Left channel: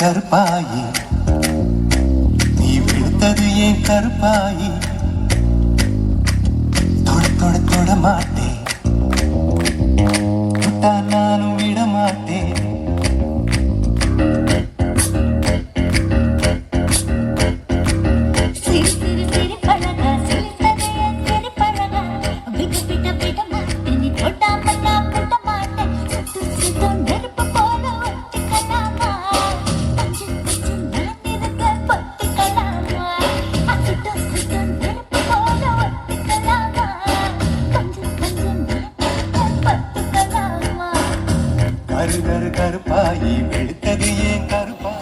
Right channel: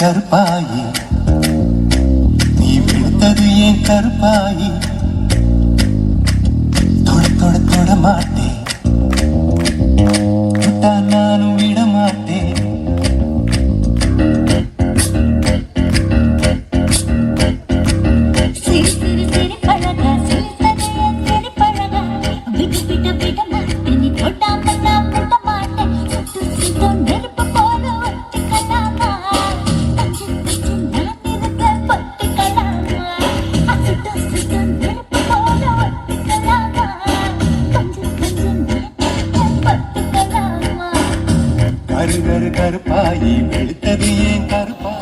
கருப்பாயி நீ விழுத்தது ஏன் கருப்பாயி தொட தொட தொட மாட்டேன் தொட்டா நானும் விட மாட்டேன் கருப்பாயி வெளுத்தது ஏன் கருப்பா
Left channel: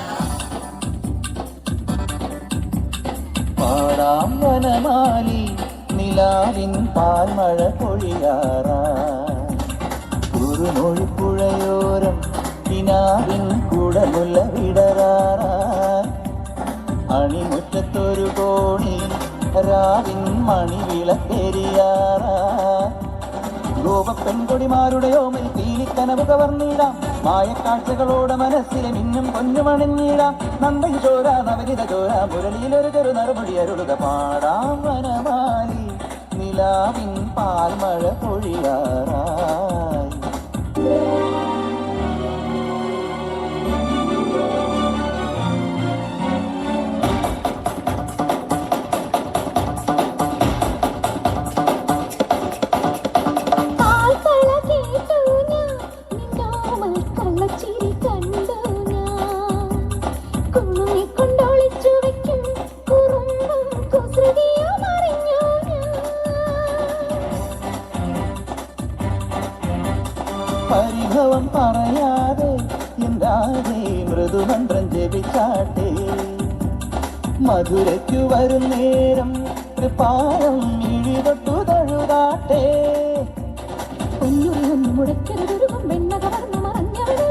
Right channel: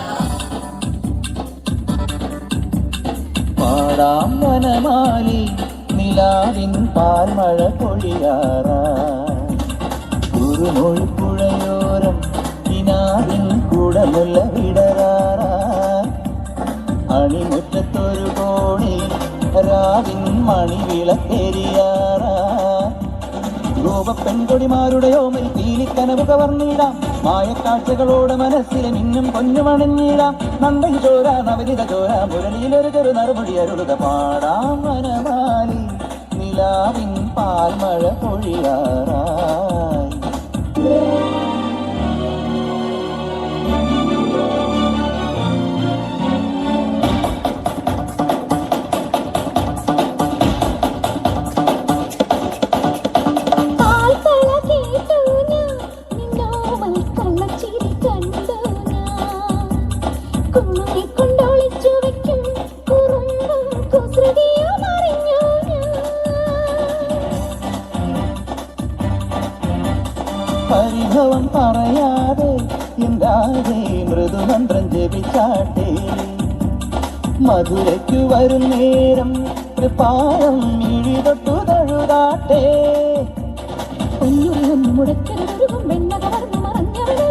பாடாம் வனமாலி நிலாவின் பார்மழ பொழியாரா குறுமொழி புழையோரம் வினாவின் கூடமுள்ள விடராரா அணிமுற்றத்தொரு கோடி ராவின் மணி വിളക്കെരിയാറാ ഗോപ പെൺകൊടിമാരുടെയോമൽ തീലിക്കനവ് കവർന്നിടാം മായക്കാഴ്ചകളോട് മനസ്സിലെ മിന്നും പൊന്നുമണിഞ്ഞിടാം നന്ദൻ ചോര നവരിത ചോര മുരളിയിലൊരു ചെറു നറുമുടി അരുളുക പാടാം വനമാലി നിലാവിൻ പാൽമഴ പൊഴിയാറാ പരിഭവം പറയാതെ എന്താകെ മൃദുമന്ത്രം ജപിച്ചാട്ടെ മധുരയ്ക്ക് വരും നേരം പാദം മിഴി തൊട്ടു തഴുതാട്ടെ പൊന്നുറിയൊന്നു മുടക്കരുതും വെണ്ണ കവർന്നു മറഞ്ഞവളെ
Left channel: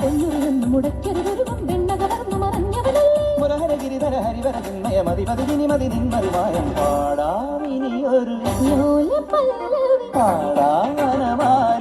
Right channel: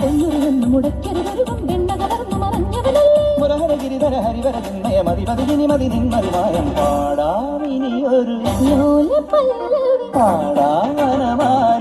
പൊന്നുറിയൊന്നു മുടക്കരുത് മറിമായം പാടാമിനിയൊരു ലോലപല്ലവി പാടാമനമാല